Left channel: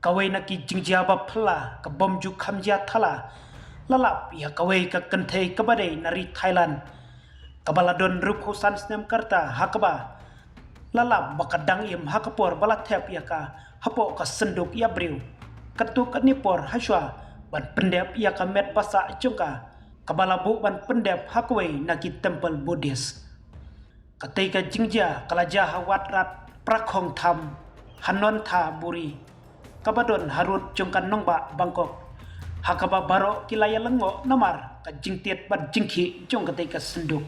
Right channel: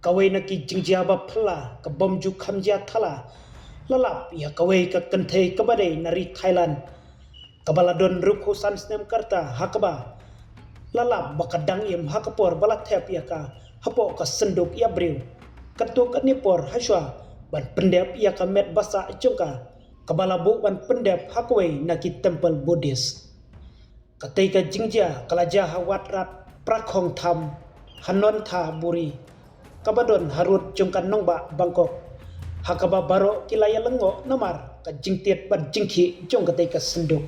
kawai na ki jingja ba phla ka bom ju khamja thala lalap ya kawai ka kanthe kabade nari Thailand kabaladon rup husan snem karta hakaba lalap bakadang im hakapor balathep ya ka hapo ka senduk ya briu katuk anipor haswa ban pendep ya ka met basa chungka kabalabu ban pendep hakwai na ki temple buddhist katika jingja kalaja hawatrat prakhong tham hanon tha buri kabadon harut jungkan nongba Bangkok hakaba baro kilaya lengo namar ka jingtiet ban jingki jong katika senduk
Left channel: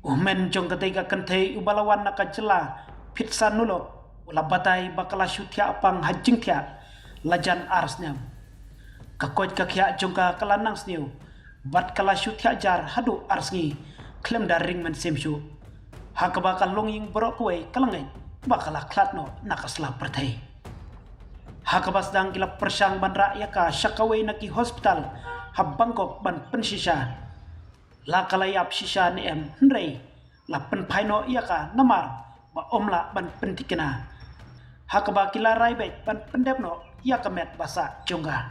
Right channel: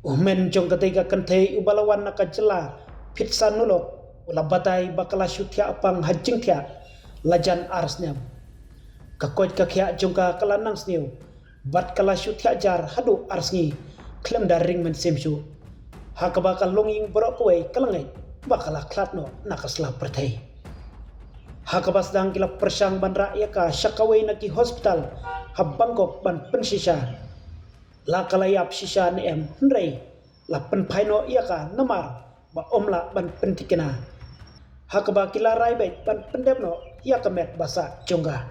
umen jong katika kantei ubalawan naka jela pitsa nulok ula batai bakala syutia apang hajingtia lajan arsnya kakoj kakya jongka kalanang sniu bat kala syutia jar hadu arsngi klem daring men semshu hakaba kalonging borok kue kalangai bakala klatno nakasla pertai hakaba sedang kila persang ban rakyat ka syakawai naki hospital hab Bangkok ban pensisa la kalayap sisa ni hendrai la penpaino ia ka namar ba omla ban pentikena hakaba kila rai baik ban pendepno ia ka met basa jongga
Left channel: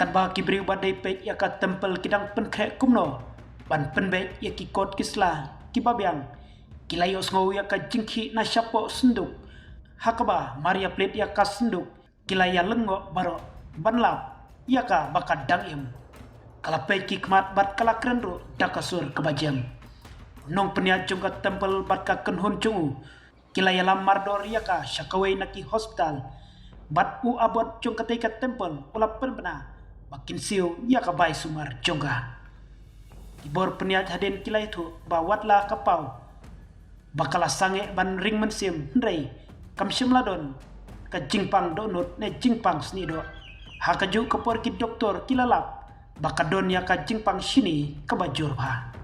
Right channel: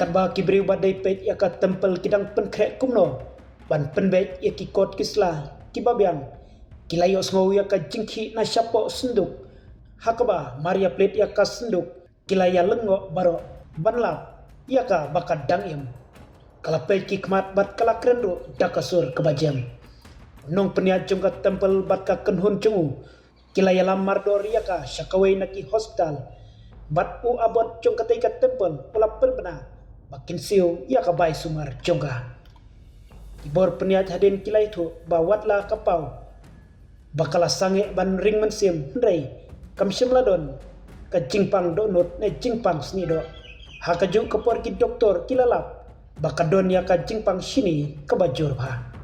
kadba kibri badai pet ia ka tempel kidang penkrek kumno ban penbek ia ki kot kisla kibabiang kilayos ngau ia ka jingki na syapo senduk hakaba Maria plate ia ka senduk kilaya lengo baro banlap ia ka bakad dangim kala peki kmat bat kala krendu dakasur kebajam nong peniat jongka tempel bat ka kenhun cungu kilaya lamar dor ia ka syakawai naki hospital bat u abot jongka teika tempel ula perbena makin siu ia ka bai sumar jongka ibor peniat hadin kilai tu bawatlah kapau bakala sange ban ring mensim hendrai kamsyem ladon ka jingpang donut ne jingpang snido hakaju kapor ki doktor kilalap bakadon ya ka jingpang sini kabajur ba